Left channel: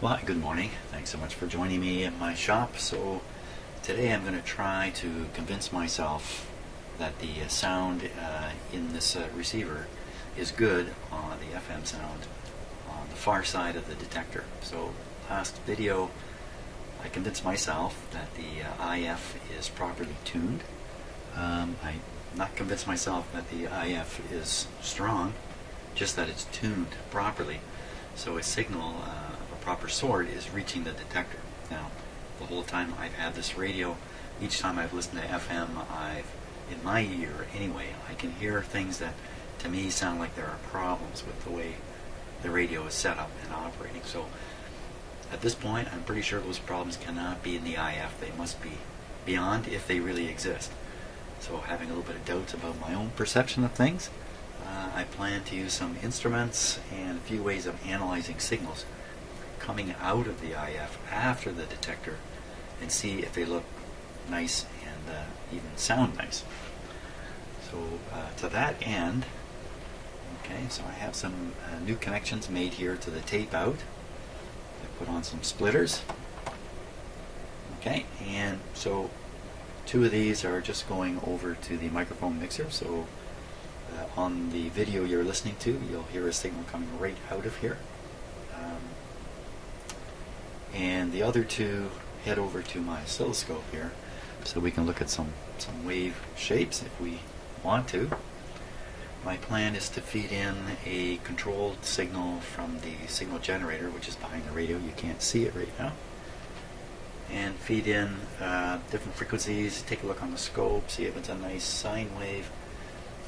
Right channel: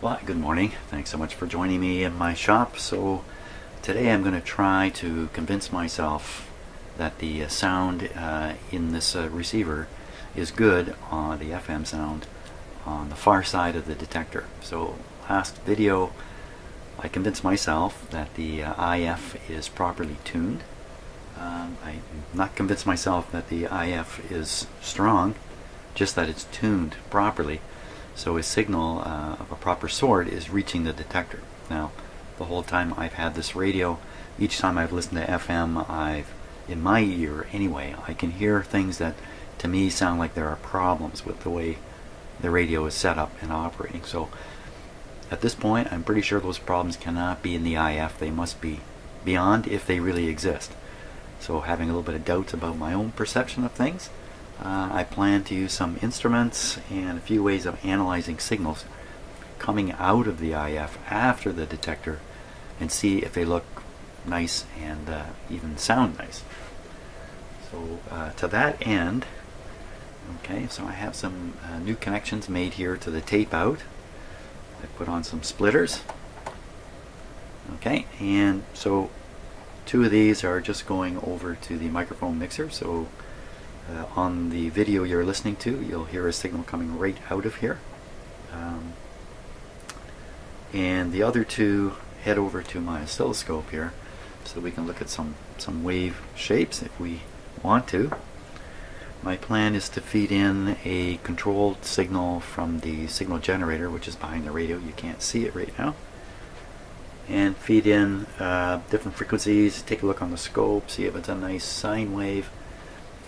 Well, good morning. Thanks so much for joining me in my shop. So today I'm going to try to convince myself that the sound in this receiver is good on the FM sound on the far side of the detector. So last video I convinced myself that the IF is properly tuned. I not convinced myself that the IF is strong, just that it's tuned properly. So a signal of a proper sort is reaching the detector. Now, the whole time I've had this radio, each time I've listened to FM, in my ear anyway, I can hear things that to me sound like there are problems with the way the radio is set up and operating. So at this point, I'm pretty sure those problems cannot be in the IF. They must be beyond, if they really exist. So having a little bit of doubts about my own perception of things, I plan to use some instruments and a few ways of analyzing signals coming out of the IF after the detector and see if they look nice and even sound nice. So to that end, okay, so I have some new connections made here to the tape out. I put on some splitters. Okay, and so two of these are just going over to the microphone mixer. So on the video you're listening to, you'll hear a signal coming right out of here. And the other two head over to my oscilloscope here so we can look at some wave shapes if we want to. My plan is to feed in a controlled signal from the signal generator, which is behind the radio. You can't see it right now. And feed in different frequencies, take a look on the scope, see if it's a nice sine wave.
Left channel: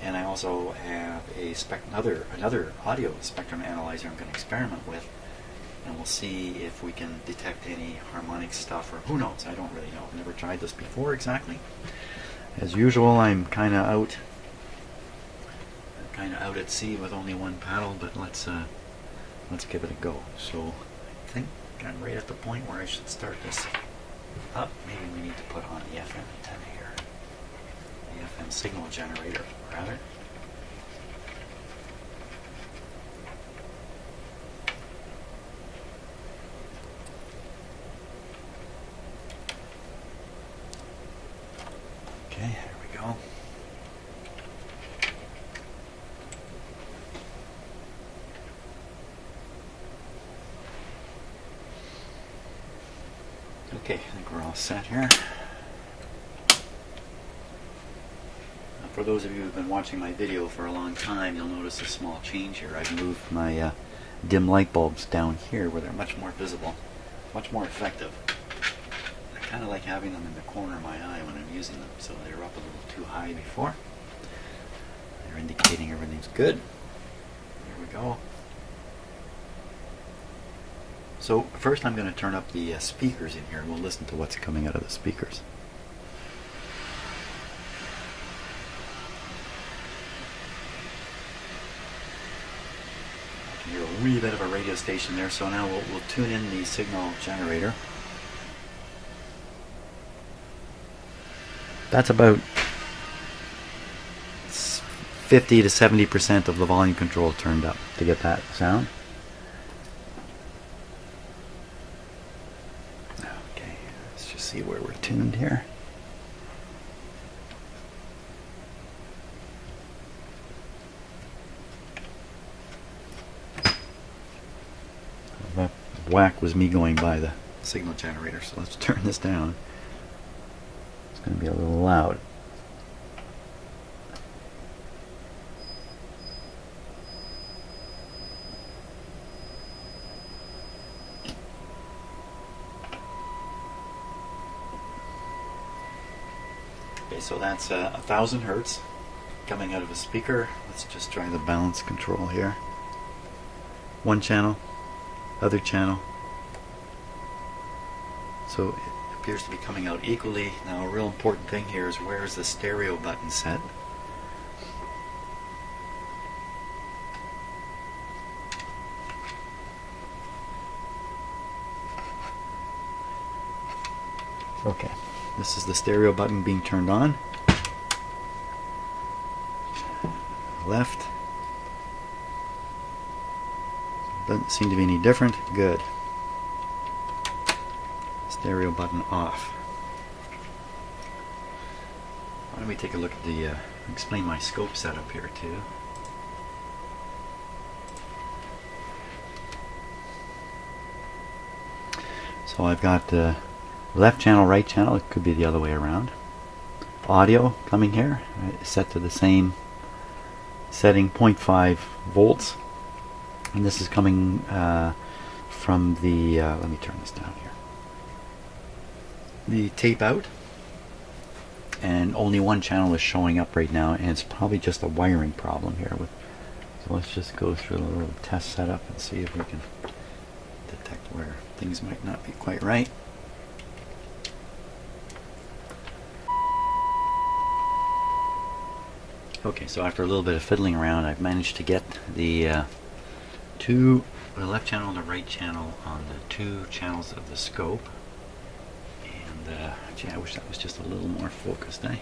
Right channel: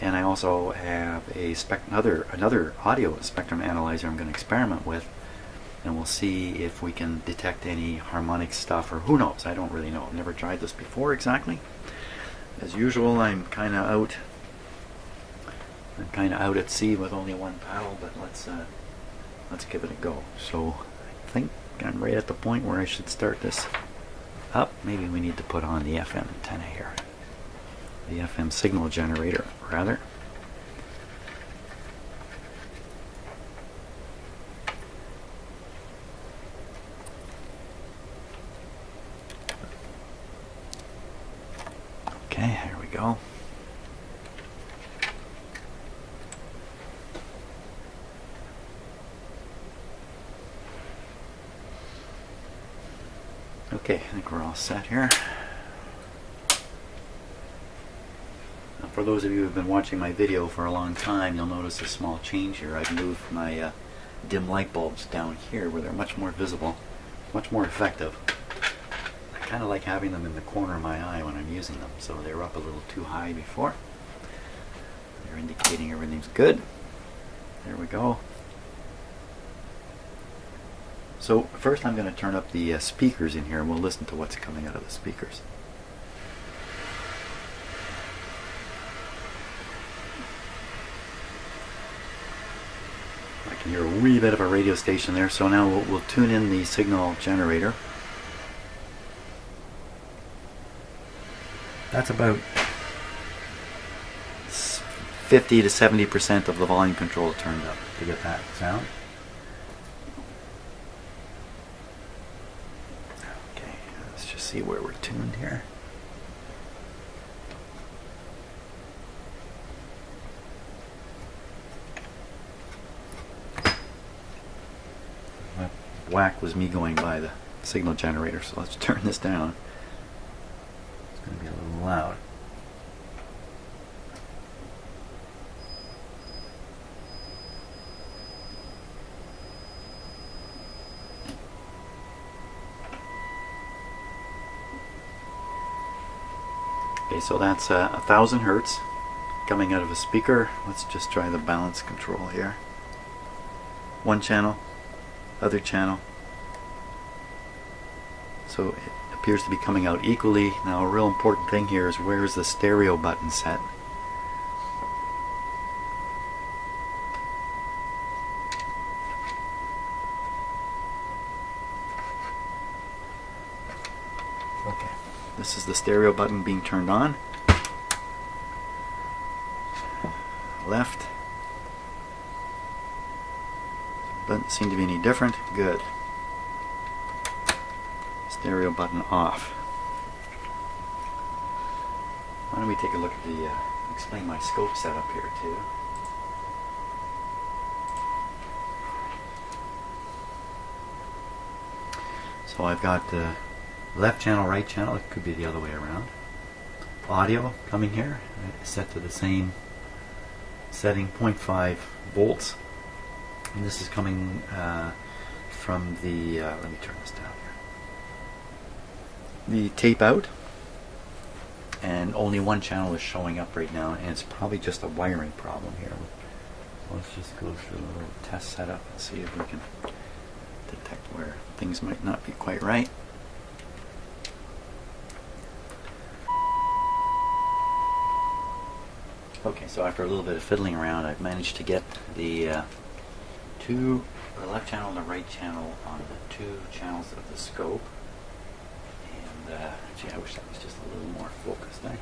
And I also have a another audio spectrum analyzer I'm going to experiment with, and we'll see if we can detect any harmonic stuff, or who knows, I don't really know. I've never tried this before exactly. As usual, I'm kind of out at sea with only one paddle, but let's give it a go. So I think I'm right at the point where I should start this up. Maybe we need to put on the FM antenna here. The FM signal generator, rather. Okay, here we go. Okay, I think we're all set here. For those of you who have been watching my video for a long time, you'll notice a small change here. I've moved my dim light bulbs down here where they're much more visible, much more effective. I kind of like having them in the corner of my eye when I'm using them, so they were up a little too high before. They're indicating everything's good. There we go. So first I'm going to turn up the speakers in here and we'll listen to what's coming out of the speakers. I can hear a wee bit of a radio station there, so now we'll tune in the signal generator. That's about 50 to 70% of the volume control turned up to get that sound. Okay, let's just see where we're tuned here. That whack was me going by the signal generator, so let's turn this down. It's going to be a little loud. Okay, so that's 1,000 hertz coming out of a speaker. Let's just try the balance control here. One channel, other channel. So it appears to be coming out equally. Now a real important thing here is where is the stereo button set? Okay, this is the stereo button being turned on. Left. Doesn't seem to be any different. Good. stereo button off. Why don't we take a look at the, explain my scope setup here too. So I've got left channel, right channel, it could be the other way around. Audio coming here, set to the same setting, 0.5 volts. And this is coming from the, let me turn this down here, the tape out. And only one channel is showing up right now, and it's probably just a wiring problem here. So let's just go through a little test setup and see if we can detect where things might not be quite right. Okay, so after a little bit of fiddling around, I've managed to get the the left channel and the right channel on the two channels of the scope. And gee, I wish that was just a little more focused, eh?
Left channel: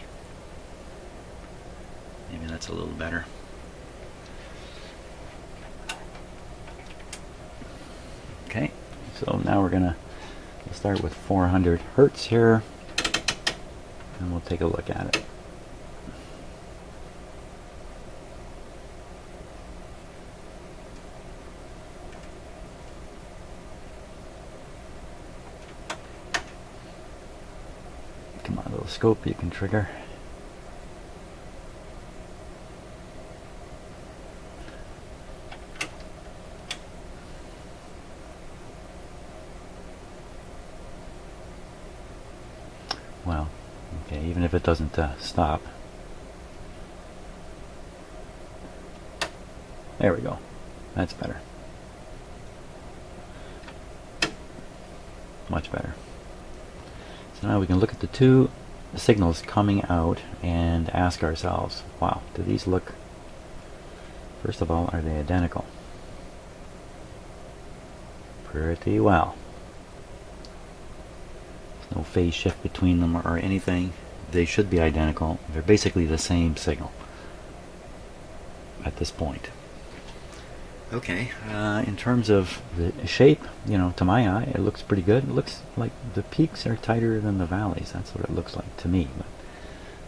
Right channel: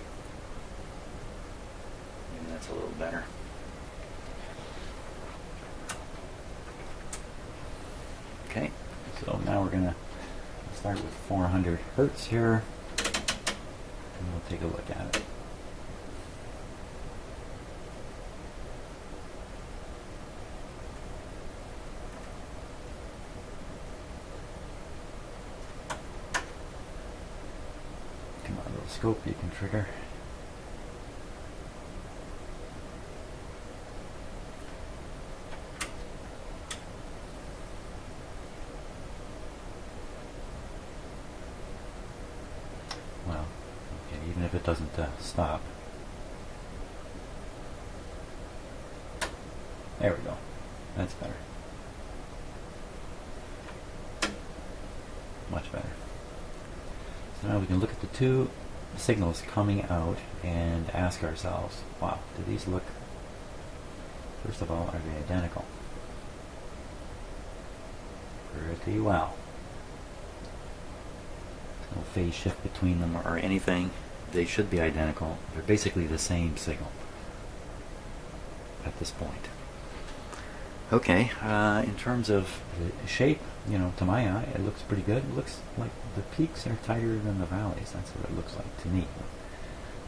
Maybe that's a little better. Okay, so now we're gonna start with 400 hertz here, and we'll take a look at it. Come on, little scope you can trigger. Well, okay, even if it doesn't stop. There we go. That's better. Much better. So now we can look at the two signals coming out and ask ourselves, wow, do these look, first of all, are they identical? Pretty well. There's no phase shift between them or anything. They should be identical. They're basically the same signal at this point. Okay, in terms of the shape, you know, to my eye, it looks pretty good. It looks like the peaks are tighter than the valleys. That's what it looks like to me. But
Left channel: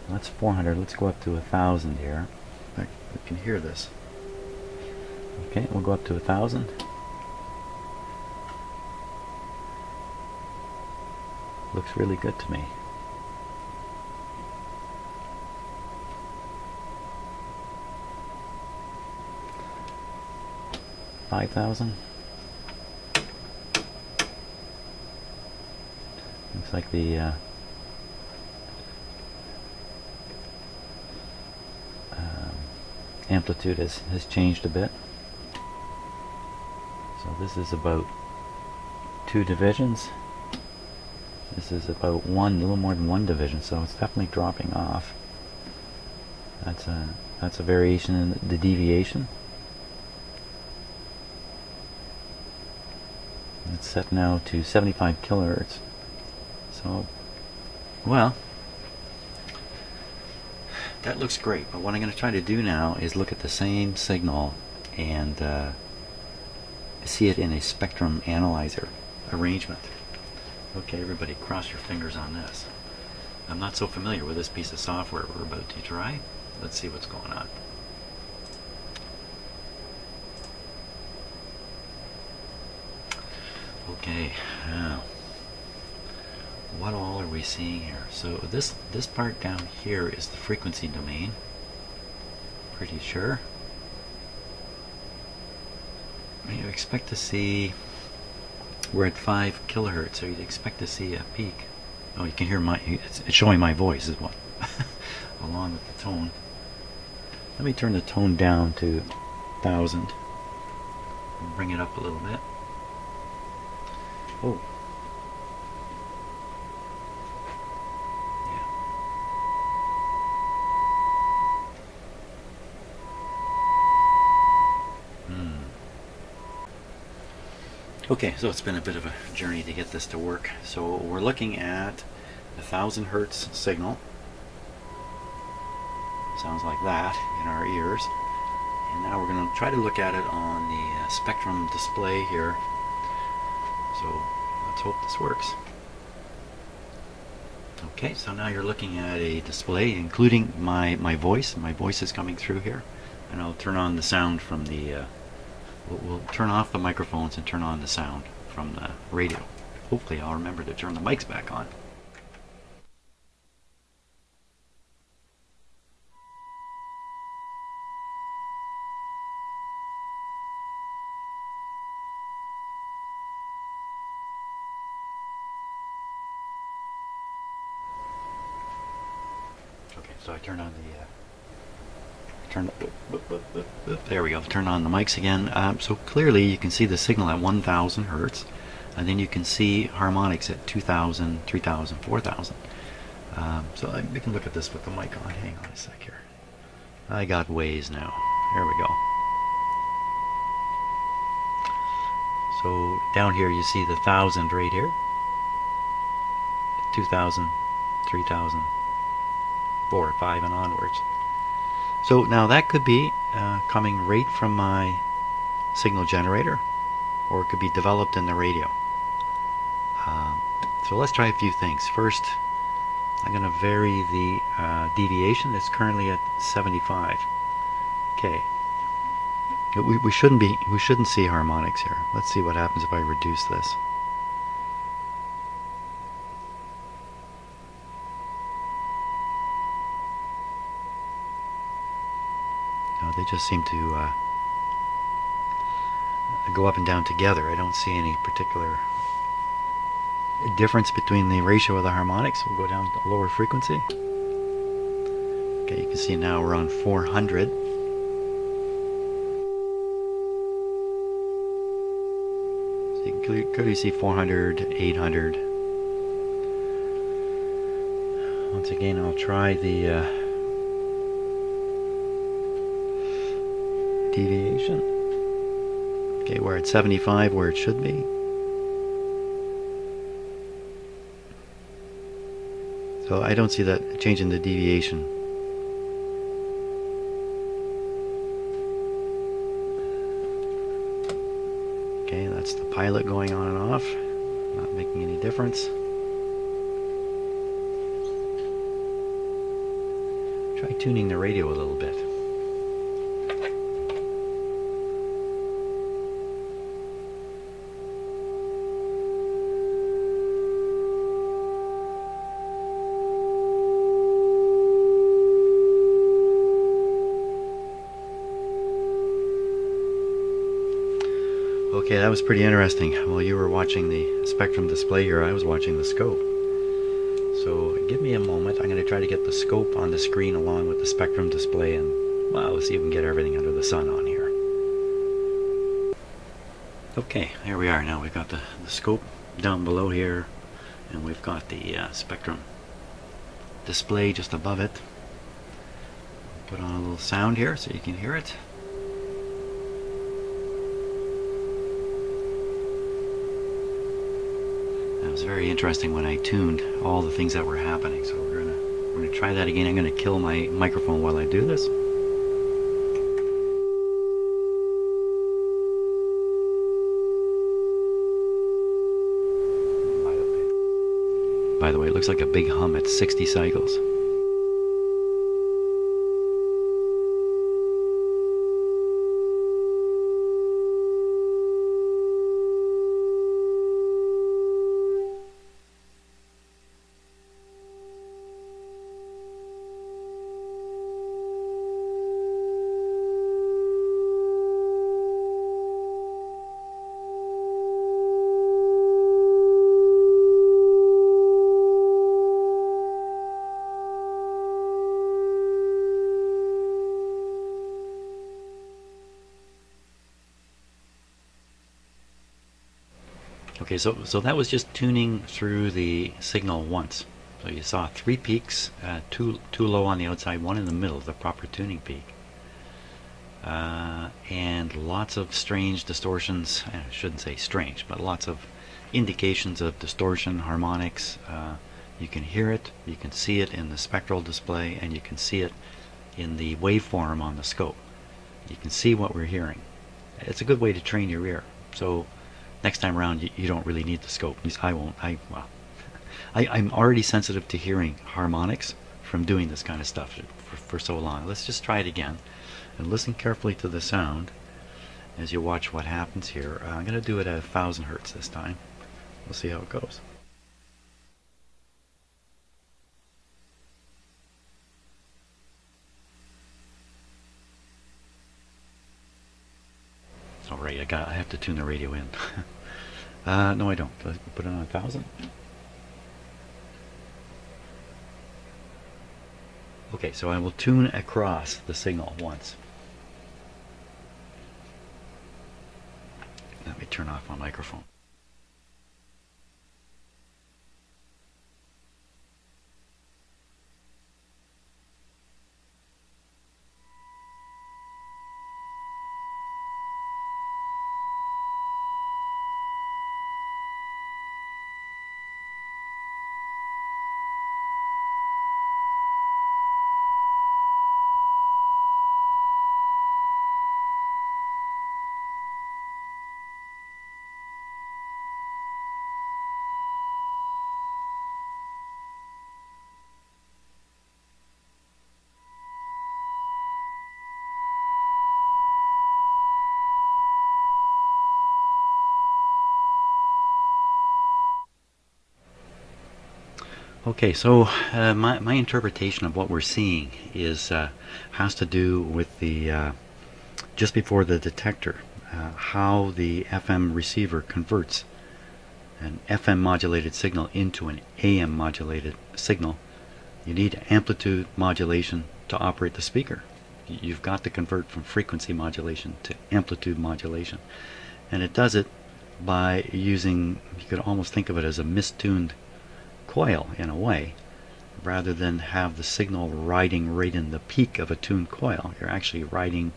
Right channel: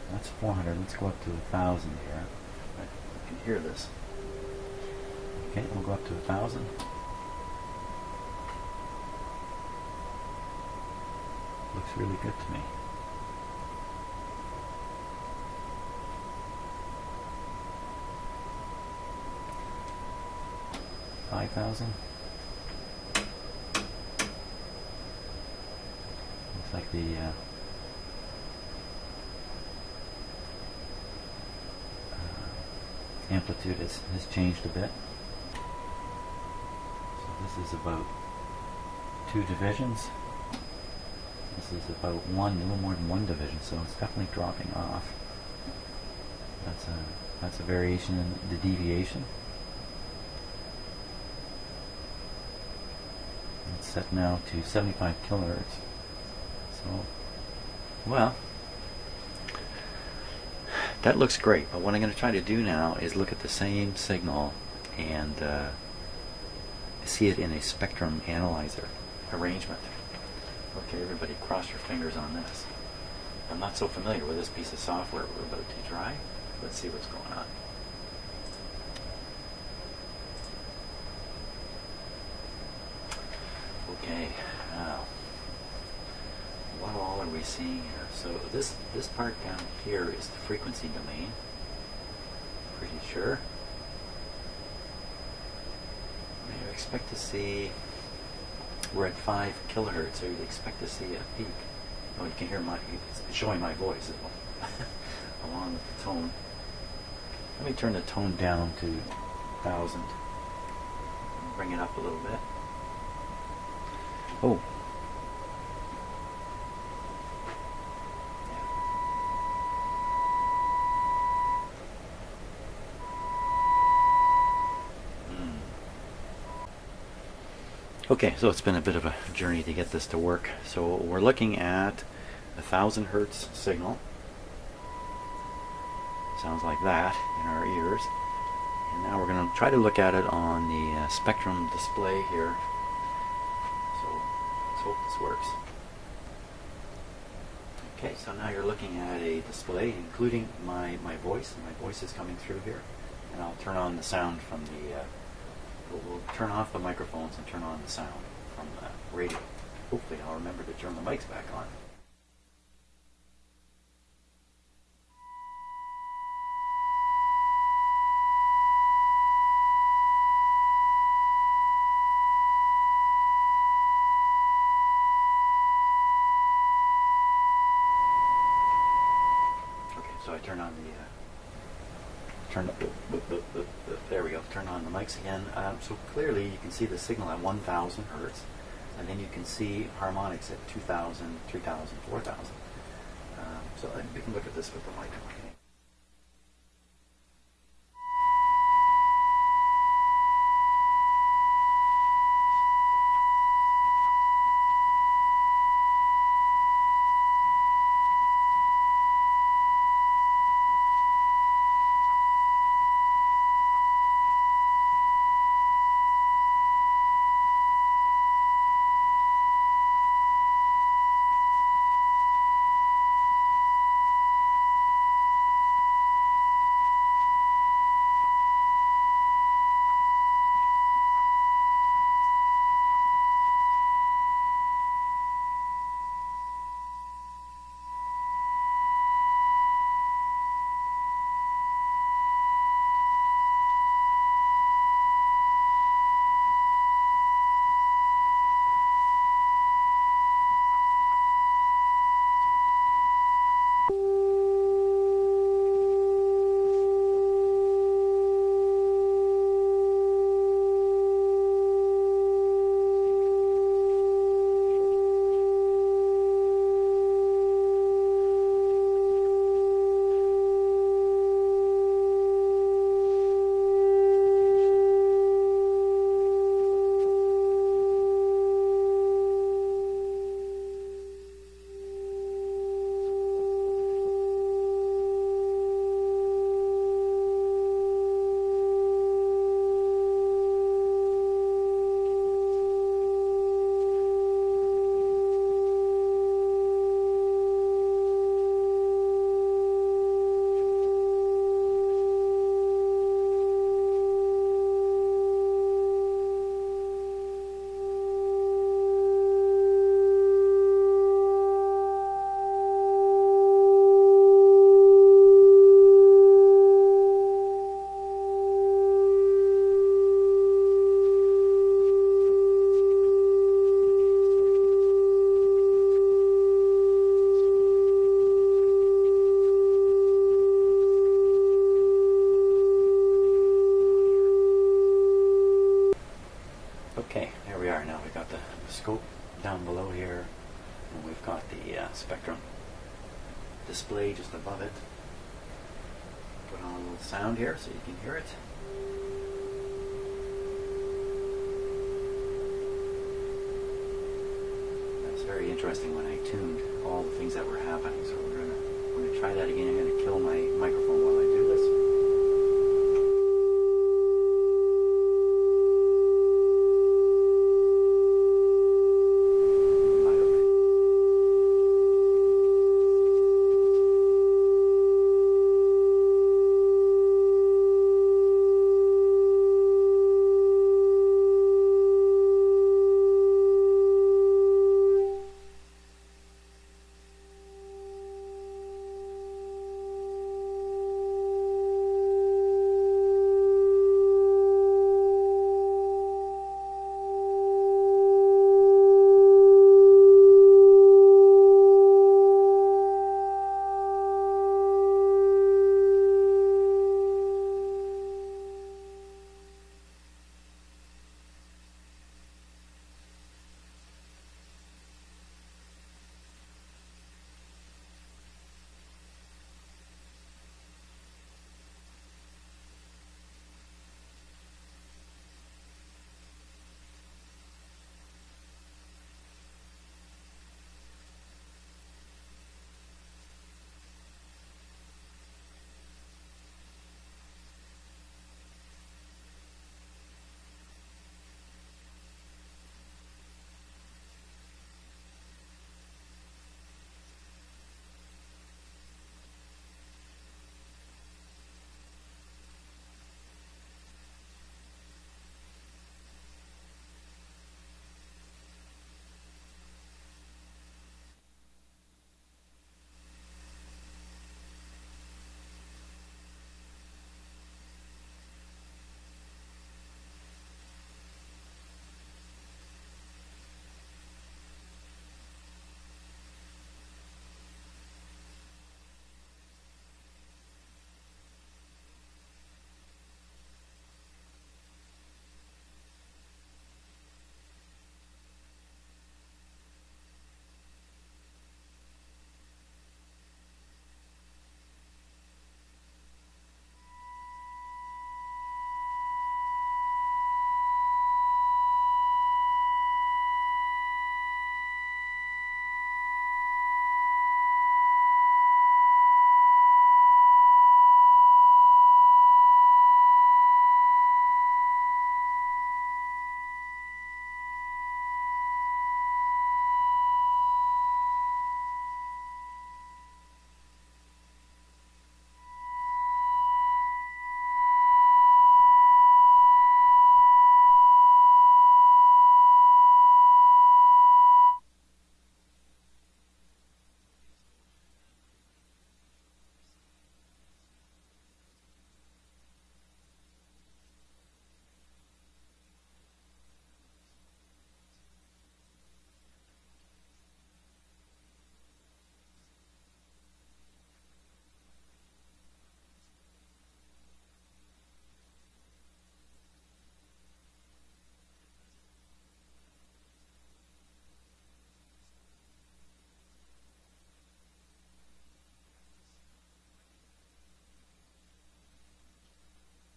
that's 400. Let's go up to 1,000 here. We can hear this. Okay, we'll go up to 1,000. Looks really good to me. 5,000. Looks like the amplitude has changed a bit. So this is about 2 divisions. This is about a little more than 1 division, so it's definitely dropping off. That's a variation in the deviation. It's set now to 75 kilohertz. So, well, that looks great. But what I'm going to try to do now is look at the same signal and see it in a spectrum analyzer arrangement. Okay, everybody, cross your fingers on this. I'm not so familiar with this piece of software we're about to try. Let's see what's going on. Okay, now what all are we seeing here? So this part down here is the frequency domain. Pretty sure. You expect to see, we're at 5 kilohertz, so you'd expect to see a peak. Oh, you can hear it's showing my voice as well, along with the tone. Let me turn the tone down to 1,000 and bring it up a little bit. Oh. Yeah. Okay, so it's been a bit of a journey to get this to work. So we're looking at 1,000 hertz signal. Sounds like that in our ears. And now we're going to try to look at it on the spectrum display here. So let's hope this works. Okay, so now you're looking at a display including my voice. My voice is coming through here, and I'll turn on the sound from the we'll turn off the microphones and turn on the sound from the radio. Hopefully I'll remember to turn the mics back on. Okay, so I turn on the there we go. Turn on the mics again. So clearly you can see the signal at 1000 hertz, and then you can see harmonics at 2000, 3000, 4000. So we can look at this with the mic on. Hang on a sec here. I got waves now. There we go. So down here you see the 1000 right here. 2000, 3000, 4, 5 and onwards. So now that could be coming right from my signal generator, or it could be developed in the radio. So let's try a few things. First, I'm going to vary the deviation. It's currently at 75. Okay. We shouldn't see harmonics here. Let's see what happens if I reduce this. They just seem to go up and down together. I don't see any particular difference between the ratio of the harmonics. We'll go down to lower frequency. Okay, you can see now we're on 400. So you can clearly see 400, 800. Once again, I'll try the deviation. Okay, we're at 75 where it should be. So I don't see that change in the deviation. Okay, that's the pilot going on and off, not making any difference. Try tuning the radio a little bit. Okay, that was pretty interesting. While you were watching the spectrum display here, I was watching the scope. So give me a moment. I'm going to try to get the scope on the screen along with the spectrum display, and well, let's see if we can get everything under the sun on here. Okay, here we are now. We've got the scope down below here, and we've got the spectrum display just above it. Put on a little sound here so you can hear it. It was very interesting when I tuned all the things that were happening. So we're gonna try that again. I'm gonna kill my microphone while I do this. By the way, it looks like a big hum at 60 cycles. Okay, so that was just tuning through the signal once. So you saw 3 peaks, two low on the outside, 1 in the middle, the proper tuning peak. And lots of strange distortions. I shouldn't say strange, but lots of indications of distortion, harmonics. You can hear it, you can see it in the spectral display, and you can see it in the waveform on the scope. You can see what we're hearing. It's a good way to train your ear. So next time around, you don't really need the scope. At least I won't. Well, I'm already sensitive to hearing harmonics from doing this kind of stuff for so long. Let's just try it again and listen carefully to the sound as you watch what happens here. I'm going to do it at 1000 hertz this time. We'll see how it goes. Alright, I have to tune the radio in. No, I don't. Let's put it on 1000. Okay, so I will tune across the signal once. Let me turn off my microphone. Okay, so my interpretation of what we're seeing is has to do with the just before the detector, how the FM receiver converts an FM modulated signal into an AM modulated signal. You need amplitude modulation to operate the speaker. You've got to convert from frequency modulation to amplitude modulation, and it does it by using, you could almost think of it as a mistuned coil in a way. Rather than have the signal riding right in the peak of a tuned coil, you're actually riding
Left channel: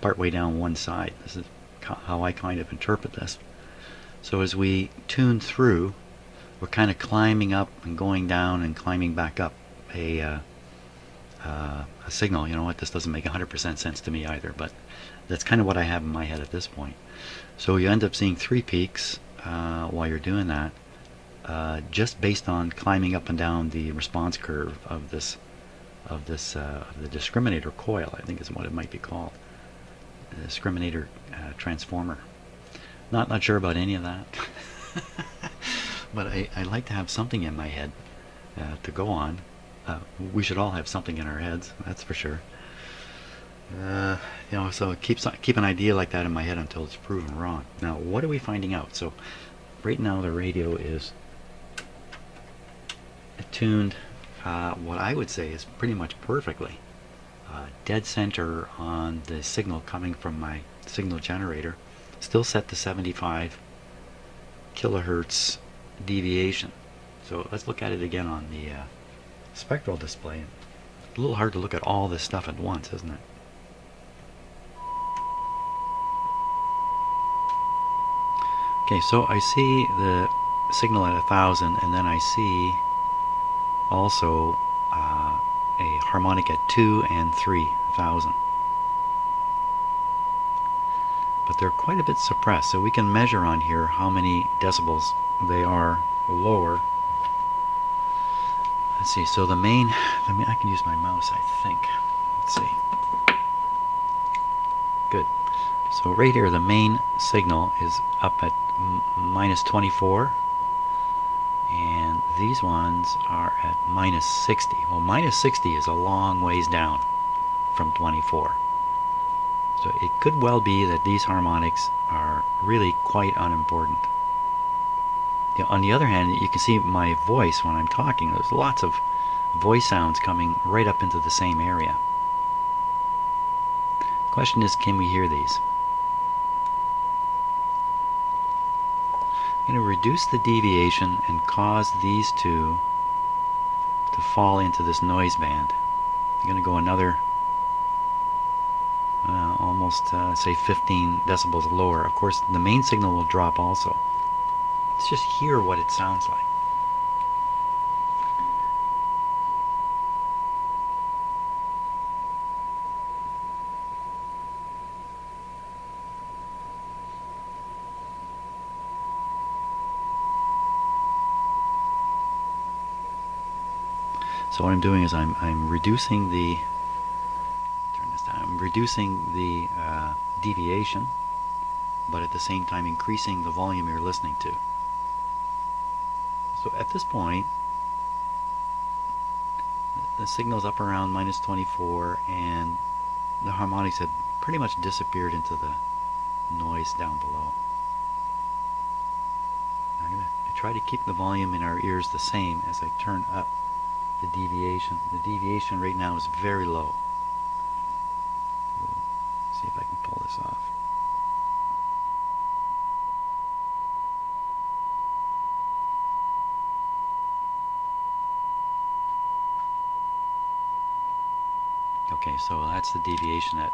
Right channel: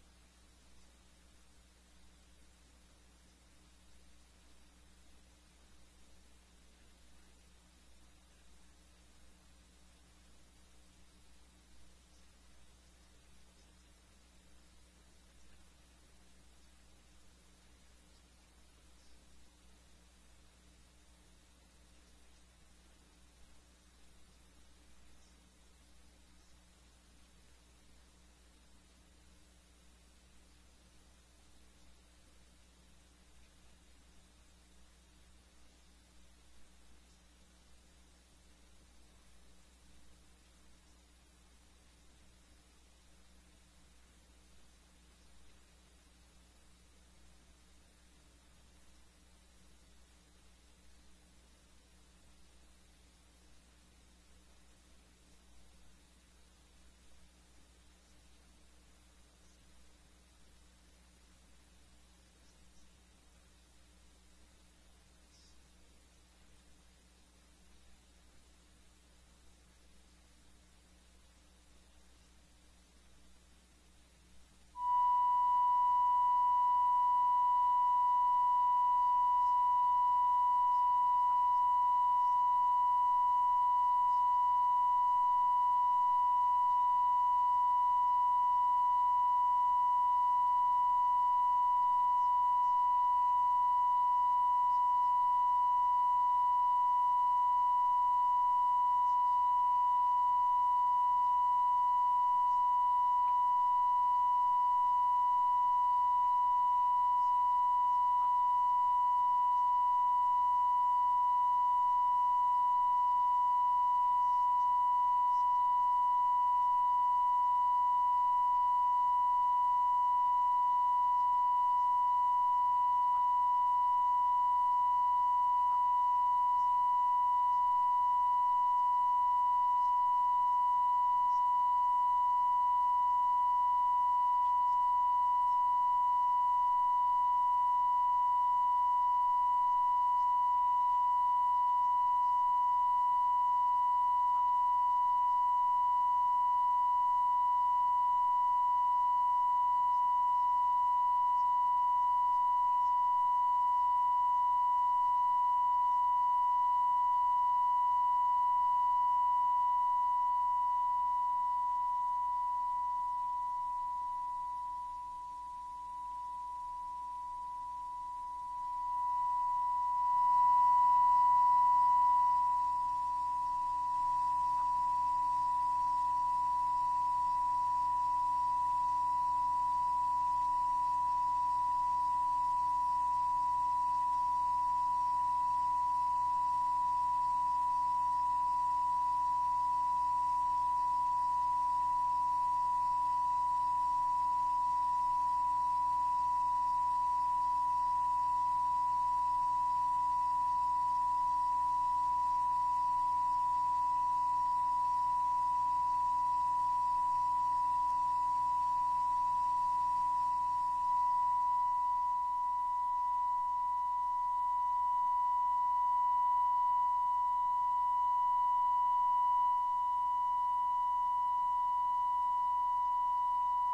partway down one side. This is how I kind of interpret this. So as we tune through, we're kind of climbing up and going down and climbing back up a signal. You know what, this doesn't make 100% sense to me either, but that's kind of what I have in my head at this point. So you end up seeing three peaks while you're doing that, just based on climbing up and down the response curve of the discriminator coil, I think is what it might be called, the discriminator transformer. Not sure about any of that, but I like to have something in my head to go on. We should all have something in our heads, that's for sure. You know, so keep an idea like that in my head until it's proven wrong. Now, what are we finding out? So right now the radio is tuned, what I would say is pretty much perfectly, dead center on the signal coming from my signal generator, still set to 75 kilohertz deviation. So let's look at it again on the spectral display. A little hard to look at all this stuff at once, isn't it? Okay, so I see the signal at 1000, and then I see also a harmonic at 2 and 3000. But they're quite a bit suppressed, so we can measure on here how many decibels they are lower. Let's see, so the main, I can use my mouse, I think. Let's see. Good. So right here, the main signal is up at minus 24, and these ones are at minus 60. Well, minus 60 is a long ways down from 24. So it could well be that these harmonics are really quite unimportant. On the other hand, you can see my voice when I'm talking. There's lots of voice sounds coming right up into the same area. The question is, can we hear these? I'm going to reduce the deviation and cause these two to fall into this noise band. I'm going to go another almost say 15 decibels lower. Of course, the main signal will drop also. Let's just hear what it sounds like. So what I'm doing is I'm reducing the turn this down. I'm reducing the deviation, but at the same time increasing the volume you're listening to. So at this point, the signal's up around minus 24, and the harmonics have pretty much disappeared into the noise down below. I'm going to try to keep the volume in our ears the same as I turn up the deviation. The deviation right now is very low. So, see if I can pull this off. Okay, so that's the deviation at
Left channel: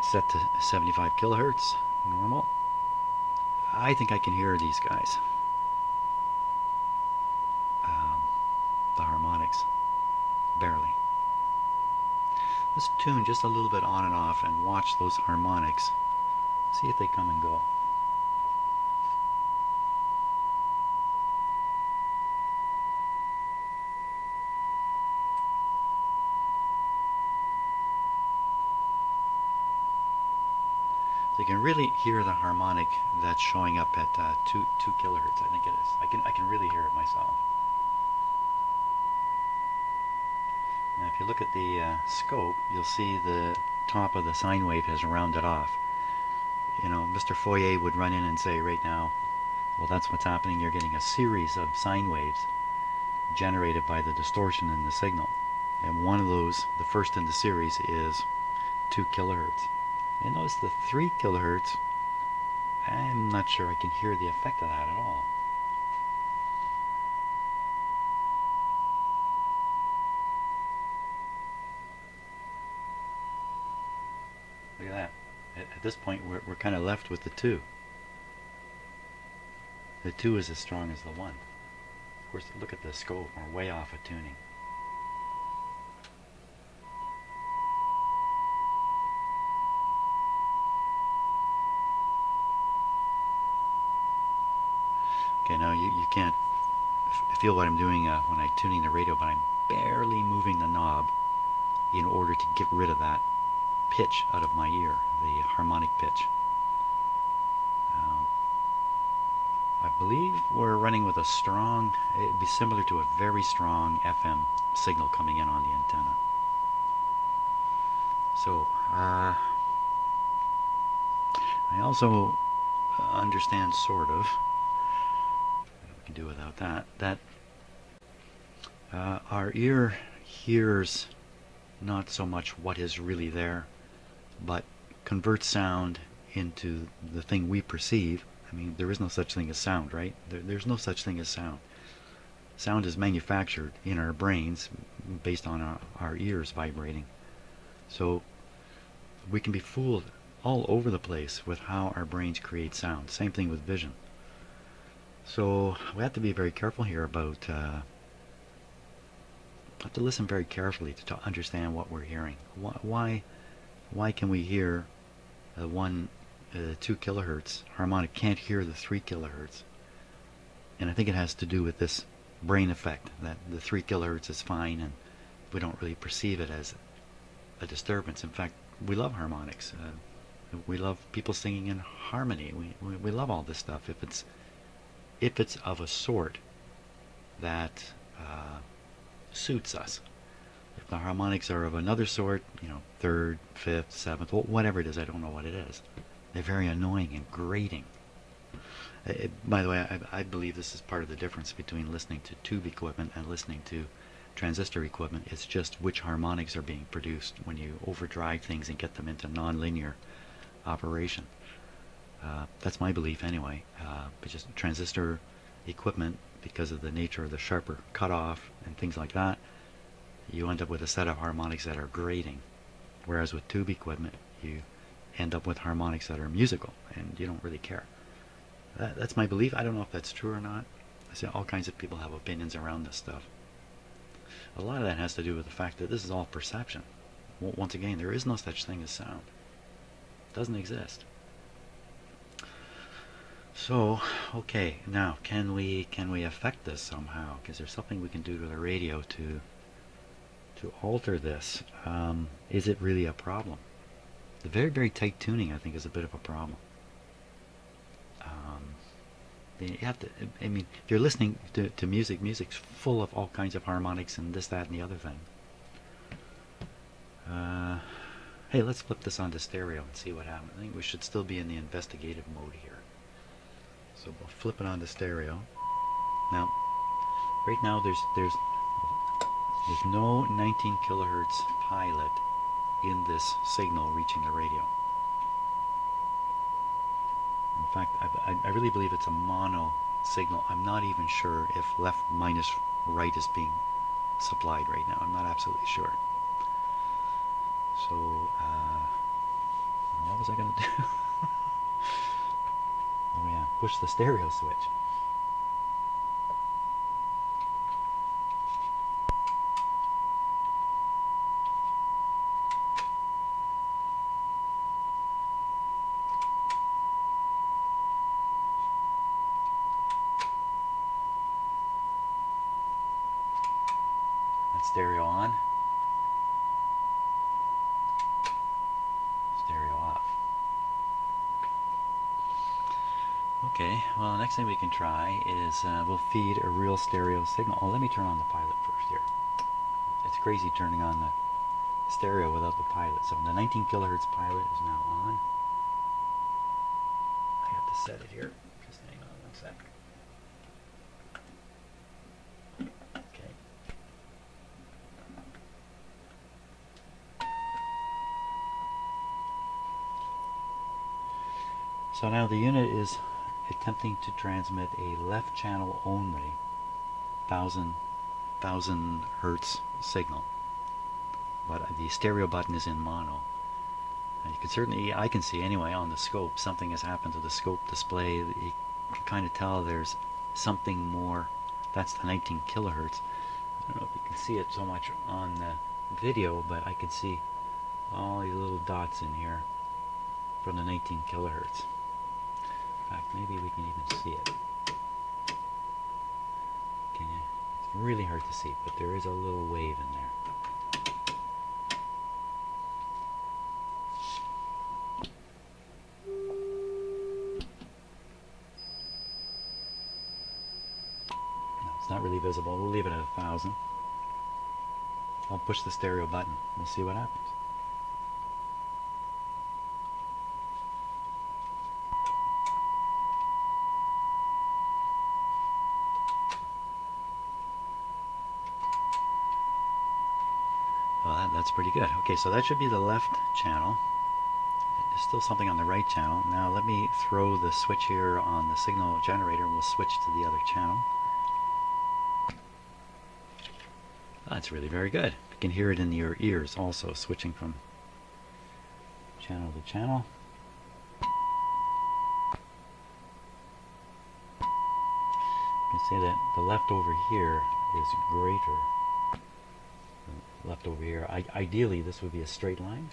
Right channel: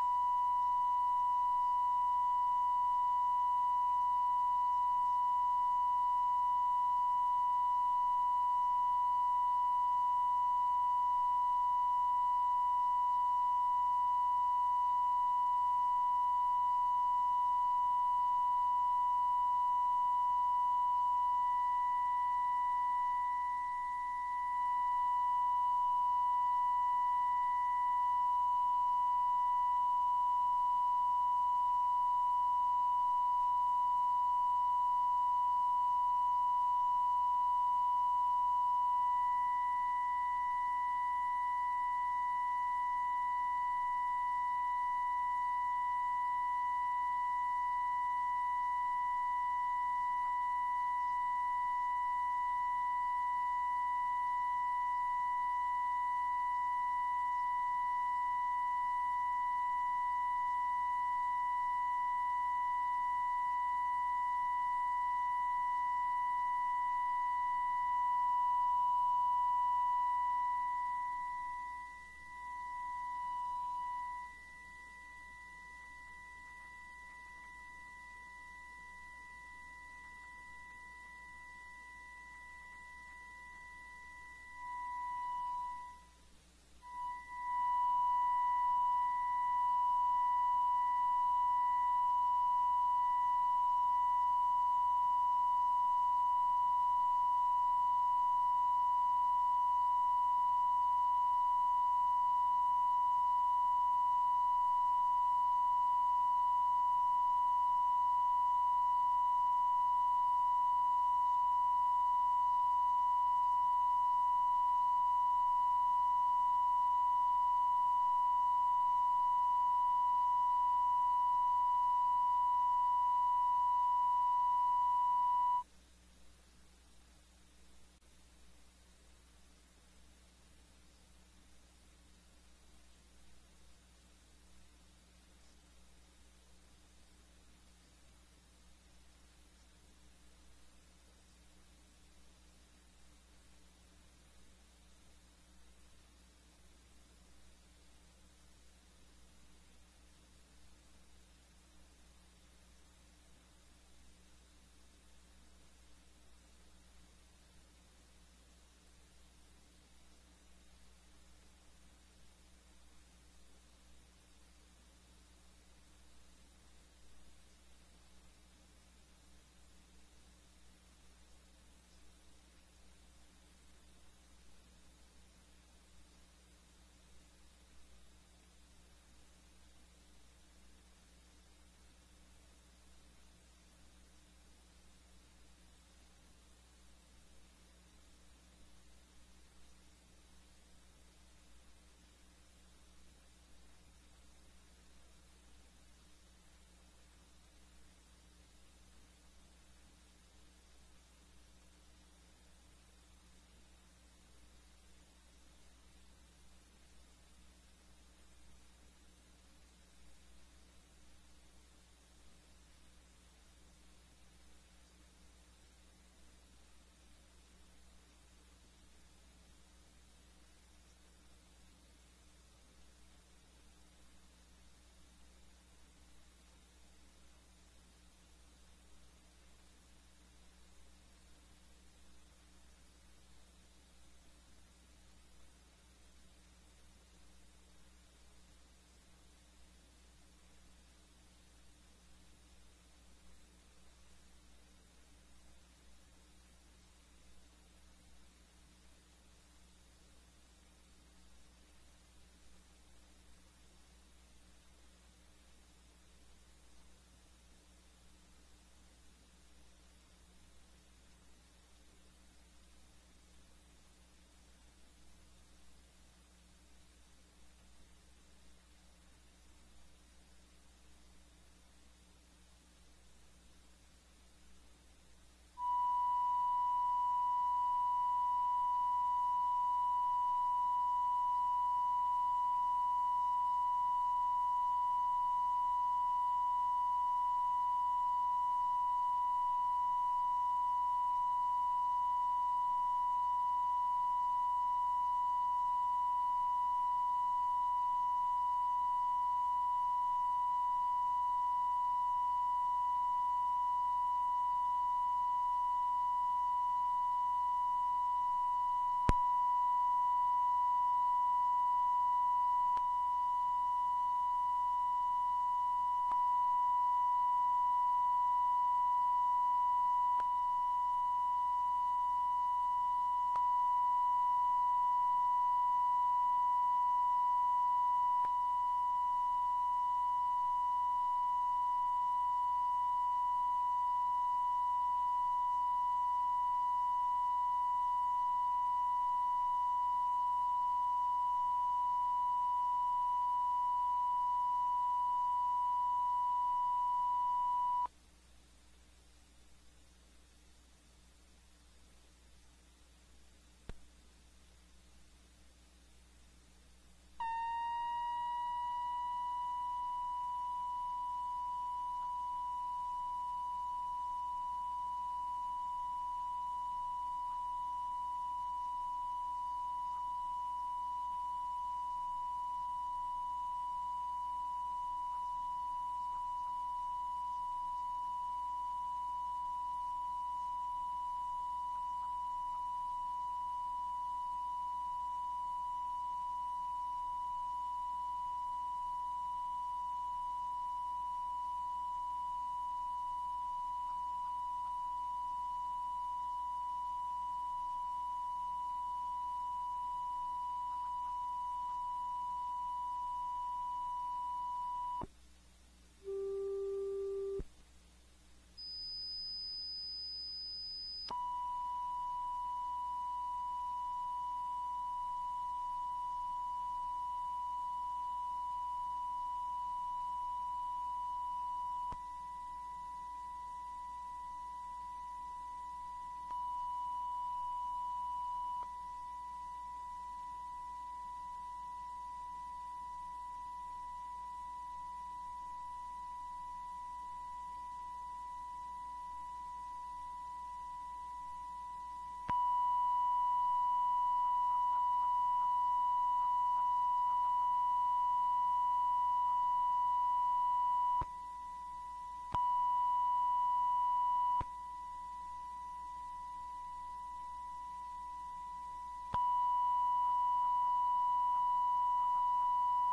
set to 75 kilohertz, normal. I think I can hear these guys, um, the harmonics, barely. Let's tune just a little bit on and off and watch those harmonics. See if they come and go. So you can really hear the harmonic that's showing up at two kilohertz. I think it is. I can really hear it myself. Now, if you look at the scope, you'll see the top of the sine wave has rounded off. You know, Mr. Fourier would run in and say right now, well, that's what's happening. You're getting a series of sine waves generated by the distortion in the signal. And one of those, the first in the series, is 2 kilohertz. And notice the 3 kilohertz, I'm not sure I can hear the effect of that at all. Look at that. At this point, we're kind of left with the 2. The 2 is as strong as the 1. Of course, look at the scope. We're way off of tuning. Okay, now you can't feel what I'm doing when I'm tuning the radio, but I'm barely moving the knob in order to get rid of that pitch out of my ear, the harmonic pitch. I believe we're running with a strong, it'd be similar to a very strong FM signal coming in on the antenna. So, I also understand, sort of, we can do without that our ear hears not so much what is really there, but converts sound into the thing we perceive. I mean, there is no such thing as sound, right? There's no such thing as sound. Sound is manufactured in our brains based on our ears vibrating. So we can be fooled all over the place with how our brains create sound. Same thing with vision. So we have to be very careful here about have to listen very carefully to understand what we're hearing. Why can we hear the 2 kilohertz harmonic, can't hear the 3 kilohertz? And I think it has to do with this brain effect, that the 3 kilohertz is fine and we don't really perceive it as a disturbance. In fact, we love harmonics. We love people singing in harmony. We love all this stuff if it's of a sort that suits us. If the harmonics are of another sort, you know, 3rd, 5th, 7th, whatever it is, I don't know what it is. They're very annoying and grating. By the way, I believe this is part of the difference between listening to tube equipment and listening to transistor equipment. It's just which harmonics are being produced when you overdrive things and get them into nonlinear operation. That's my belief anyway. But just transistor equipment, because of the nature of the sharper cutoff and things like that, you end up with a set of harmonics that are grating. Whereas with tube equipment, you end up with harmonics that are musical and you don't really care. That's my belief. I don't know if that's true or not. I see all kinds of people have opinions around this stuff. A lot of that has to do with the fact that this is all perception. Once again, there is no such thing as sound. It doesn't exist. So, okay, now can we affect this somehow? Is there something we can do to the radio to alter this? Is it really a problem? The very tight tuning, I think, is a bit of a problem. You have to. I mean, if you're listening to music, music's full of all kinds of harmonics and this, that, and the other thing. Hey, let's flip this onto stereo and see what happens. I think we should still be in the investigative mode here. So we'll flip it onto stereo. Now, right now there's no 19 kilohertz pilot in this signal reaching the radio. In fact, I really believe it's a mono signal. I'm not even sure if left minus right is being supplied right now. I'm not absolutely sure. So, what was I going to do? Oh yeah, push the stereo switch. That's stereo on. Stereo off. Okay, well, the next thing we can try is we'll feed a real stereo signal. Oh, let me turn on the pilot first here. It's crazy turning on the stereo without the pilot. So the 19 kilohertz pilot is now on. I have to set it here. Just hang on one sec. Okay. So now the unit is attempting to transmit a left channel only 1000 hertz signal, but the stereo button is in mono. And you can certainly, I can see anyway on the scope, something has happened to the scope display. You can kind of tell there's something more. That's the 19 kilohertz. I don't know if you can see it so much on the video, but I can see all these little dots in here from the 19 kilohertz. In fact, maybe we can even see it. Can you? It's really hard to see, but there is a little wave in there. No, it's not really visible. We'll leave it at 1000. I'll push the stereo button. We'll see what happens. Well, that's pretty good. Okay, so that should be the left channel. There's still something on the right channel. Now let me throw the switch here on the signal generator and we'll switch to the other channel. That's really very good. You can hear it in your ears also, switching from channel to channel. You can see that the left over here is greater than left over here. Ideally, this would be a straight line.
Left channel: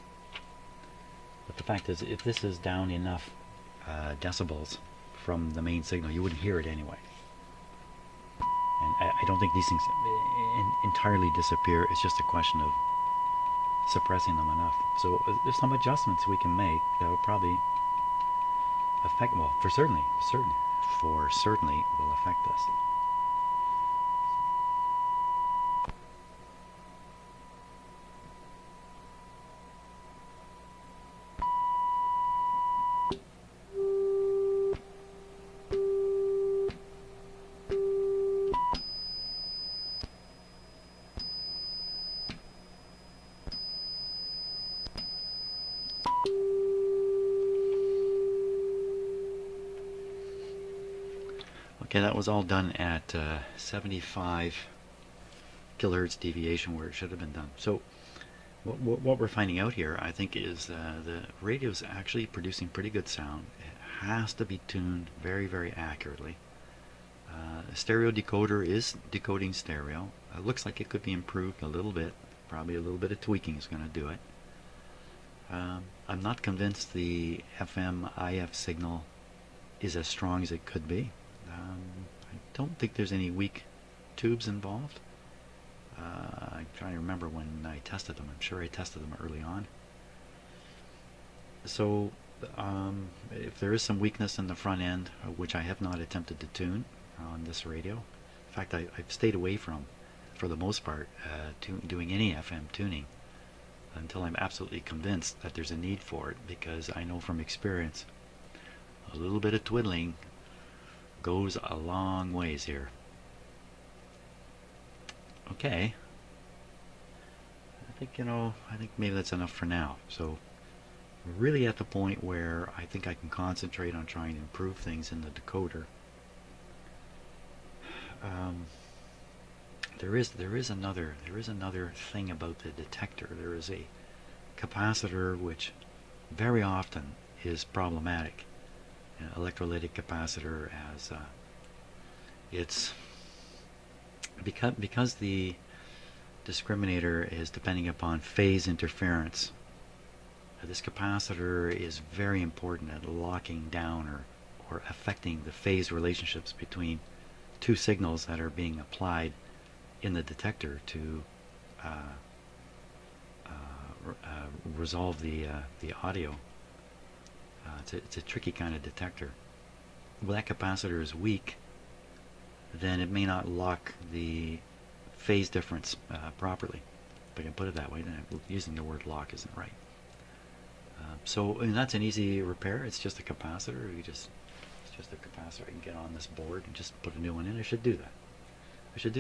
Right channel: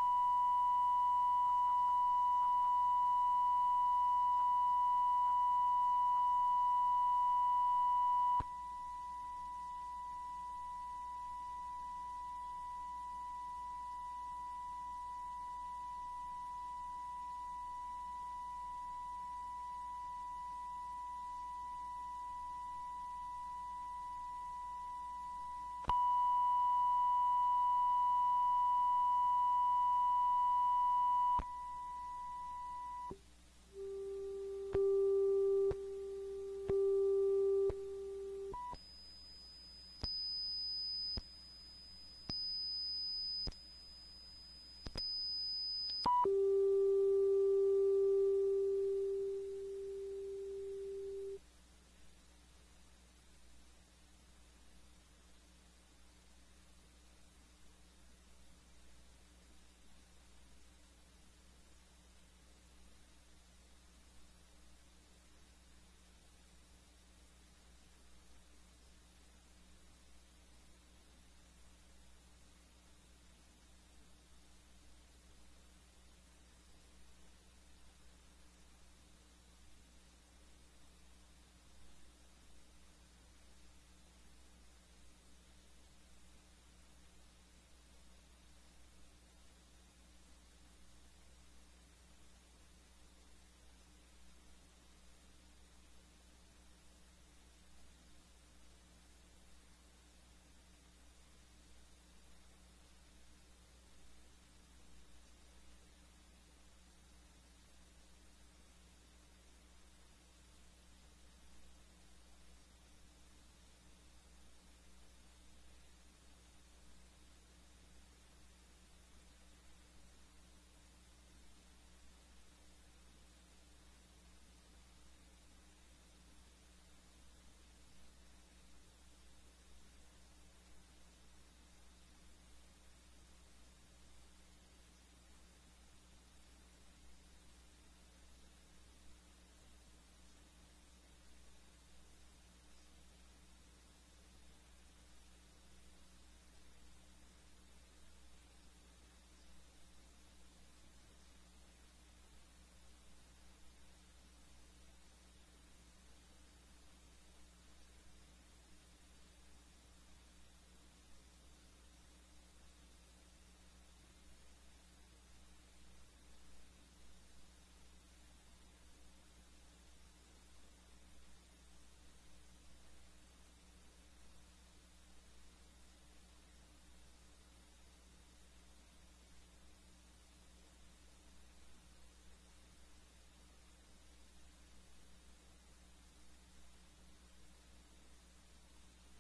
But the fact is, if this is down enough decibels from the main signal, you wouldn't hear it anyway. And I don't think these things entirely disappear. It's just a question of suppressing them enough. So there's some adjustments we can make that will probably affect, well, for certainly will affect us. Okay, that was all done at 75 kilohertz deviation where it should have been done. So what we're finding out here, I think, is the radio's actually producing pretty good sound. It has to be tuned very accurately. The stereo decoder is decoding stereo. It looks like it could be improved a little bit. Probably a little bit of tweaking is going to do it. I'm not convinced the FM IF signal is as strong as it could be. I don't think there's any weak tubes involved. I'm trying to remember when I tested them. I'm sure I tested them early on. So if there is some weakness in the front end, which I have not attempted to tune on this radio, in fact I've stayed away from, for the most part, doing any FM tuning until I'm absolutely convinced that there's a need for it, because I know from experience a little bit of twiddling goes a long ways here. Okay, I think maybe that's enough for now. So we're really at the point where I think I can concentrate on trying to improve things in the decoder. There is another thing about the detector. There is a capacitor which very often is problematic. An electrolytic capacitor, as it's because the discriminator is depending upon phase interference. This capacitor is very important at locking down or affecting the phase relationships between two signals that are being applied in the detector to resolve the audio. It's a tricky kind of detector. When that capacitor is weak, then it may not lock the phase difference properly. If I can put it that way, then using the word lock isn't right. So that's an easy repair. It's just a capacitor. It's just a capacitor. I can get on this board and just put a new one in. I should do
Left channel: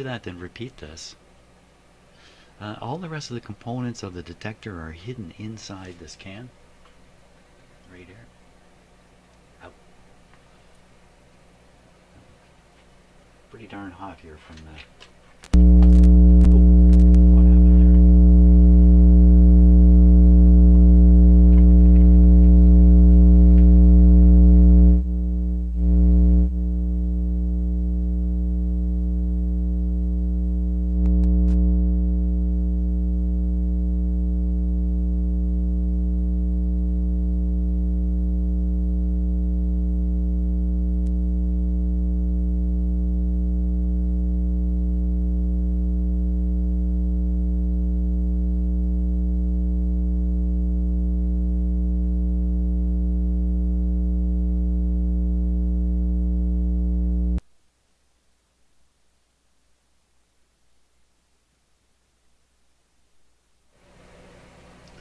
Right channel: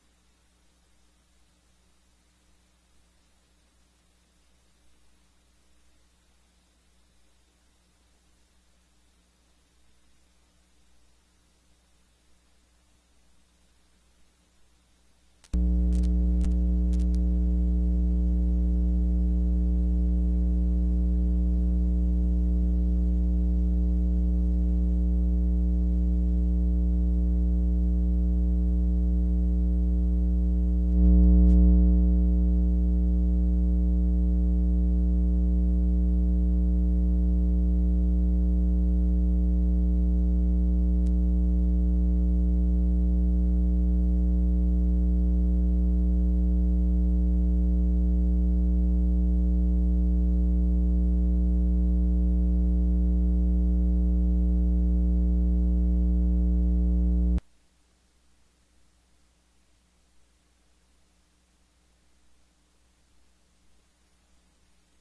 that. Then repeat this. All the rest of the components of the detector are hidden inside this can. Right here. Out. Pretty darn hot here from the...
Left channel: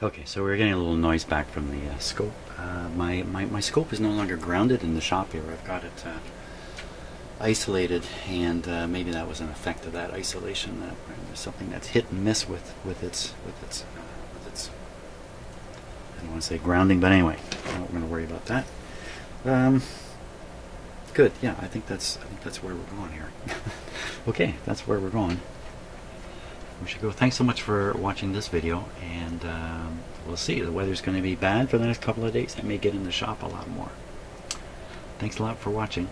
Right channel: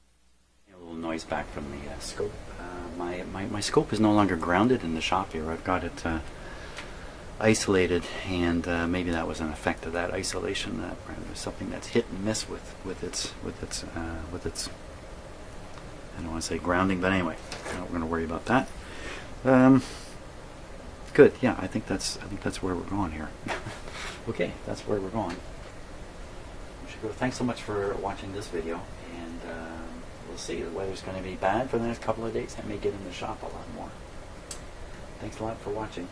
Okay, so we're getting a little noise back from the scope. My scope is no longer grounded in the shop here. I've got it isolated, and maybe that was an effect of that isolation. There's something that's hit and miss with its I don't want to say grounding, but anyway, we're not going to worry about that. Good. Yeah, I think that's where we're going here. Okay, that's where we're going. We should go. Thanks so much for watching this video, and we'll see. The weather's going to be bad for the next couple of days. I may get in the shop a lot more. Thanks a lot for watching.